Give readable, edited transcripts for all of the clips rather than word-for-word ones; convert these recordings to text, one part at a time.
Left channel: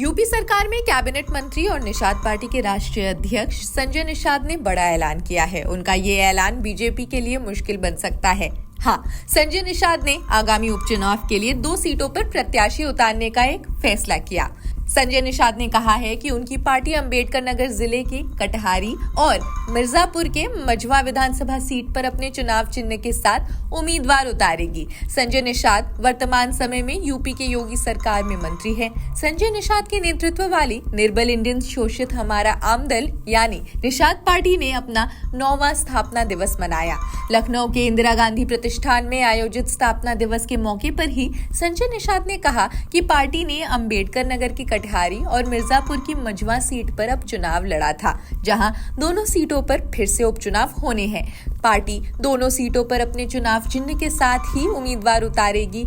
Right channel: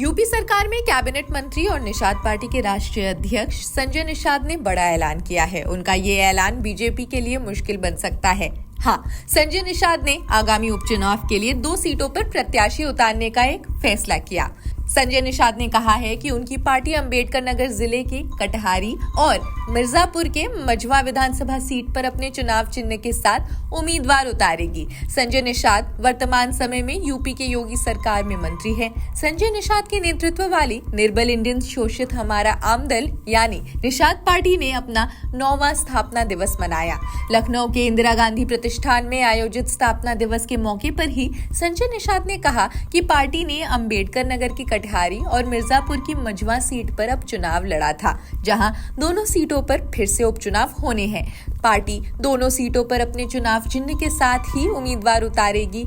UP सरकार में cabinet मंत्री और निषाद पार्टी के राष्ट्रीय अध्यक्ष संजय निषाद ने बड़ा ऐलान किया है। उनका ये ऐलान बीजेपी के लिए मुश्किल बन सकता है। हाँ, संजय निषाद ने आगामी उपचुनाव के लिए 2 सीटों पर प्रत्याशी उतारने का एक फैसला किया। संजय निषाद ने कहा है कि उनकी पार्टी अंबेडकर नगर जिले के कटहारी और मिर्जापुर के मझवा विधानसभा सीट पर अपने चुनाव चिन्ह के साथ उम्मीदवार उतारेगी। संजय निषाद वर्तमान समय में यूपी के योगी सरकार में मंत्री हैं। संजय निषाद के नेतृत्व वाली निर्बल इंडियन शोषित हमारा आमदल यानी निषाद पार्टी ने अपना 9वां स्थापना दिवस मनाया। लखनऊ के इंदिरा गांधी प्रतिष्ठान में आयोजित स्थापना दिवस के मौके पर ही संजय निषाद ने कहा कि पार्टी ने अंबेडकर नगर की कटहारी और मिर्जापुर की मझवा सीट पर अब चुनाव लड़ा था, जहां दोनों सीटों पर फिर से उपचुनाव होने हैं। पार्टी दोनों सीटों पर अपने चुनाव चिन्ह के साथ ही उम्मीदवार उतारेगी।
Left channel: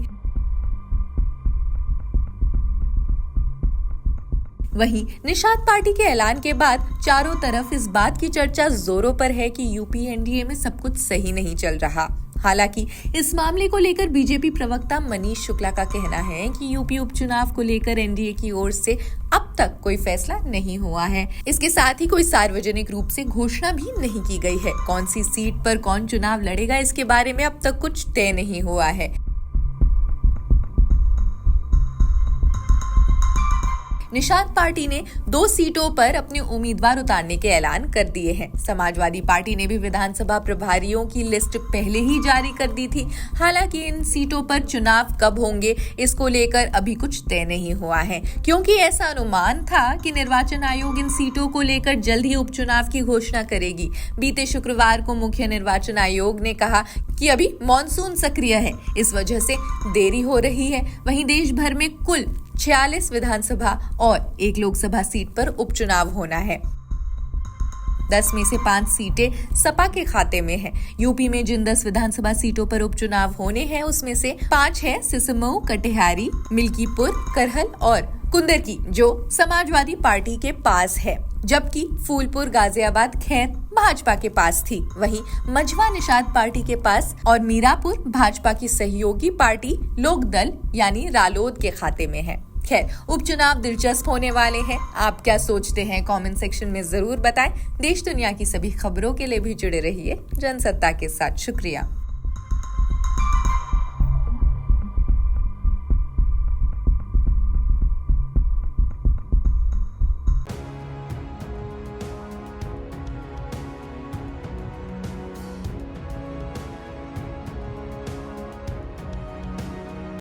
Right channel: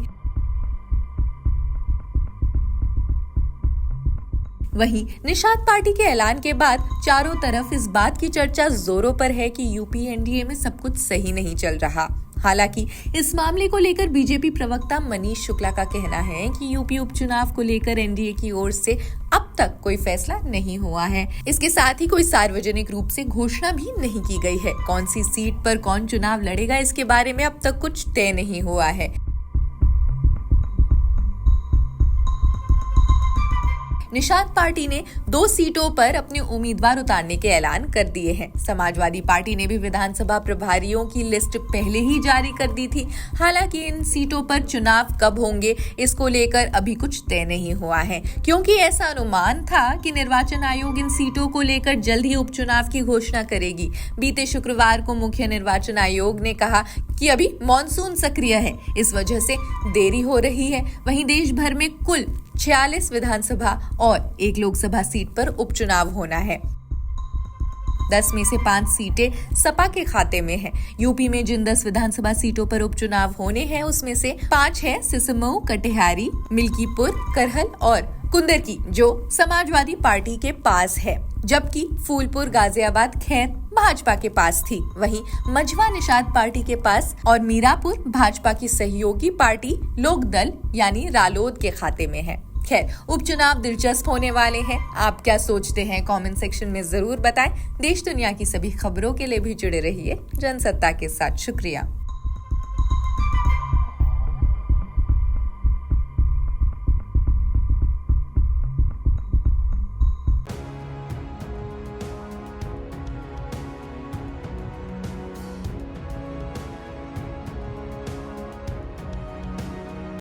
वहीं निषाद पार्टी के ऐलान के बाद चारों तरफ इस बात की चर्चा जोरों पर है कि यूपी एनडीए में सब कुछ सही नहीं चल रहा। हालांकि इस मामले को लेकर बीजेपी प्रवक्ता मनीष शुक्ला का कहना है कि यूपी उपचुनाव को लेकर एनडीए की ओर से अब तक कोई फैसला नहीं हुआ है। इसके साथ ही कोई सार्वजनिक रूप से घोषणा भी नहीं की गई है। कौन सी सीट पर कौन चुनाव लड़ेगा, इसके बारे में अब तक कुछ तय नहीं हुआ है। निषाद पार्टी ने 2 सीटों पर अपने उम्मीदवार उतारने के ऐलान कर दिए हैं। समाजवादी पार्टी ने भी विधानसभा प्रभारियों की लिस्ट पहले ही जारी कर दी थी। हालांकि इन सीटों पर चुनाव कब होंगे, इसको लेकर अभी कुछ तय नहीं हुआ है, क्योंकि ऐसा अनुमान था कि निर्वाचन आयोग इन सीटों को लेकर जल्द ही उपचुनाव की घोषणा करेगी। बीते शुक्रवार को मुख्य निर्वाचन आयोग ने कहा कि अभी मॉनसून सक्रिय है, इस वजह से देरी हो रही है। वहीं देश भर में कुल 46 विधानसभा और 1 लोकसभा सीट पर उपचुनाव होना है। 10 में से 5 सीटें सपा के खाते में हैं। यूपी में जिन 10 विधानसभा सीटों पर उपचुनाव होने हैं, उसमें से 5 है सिसमऊ, कटिहारी, मिल्कीपुर, करहल और कुंदरकी, जो समाजवादी पार्टी के पास है, जबकि फूलपुर, गाजियाबाद, खैर भाजपा के पास थी। वहीं मझवा निषाद पार्टी के पास और मीरापुर भाजपा की सहयोगी पार्टी लोक दल यानी रालोद के खाते में है। खैर, उपचुनाव दिलचस्प होने वाले हैं। आप क्या सोचते हैं, कमेंट सेक्शन में जरूर बताएं। देश दुनिया की सभी खबरों के लिए भी जुड़े रहिए जनसत्ता के साथ। शुक्रिया।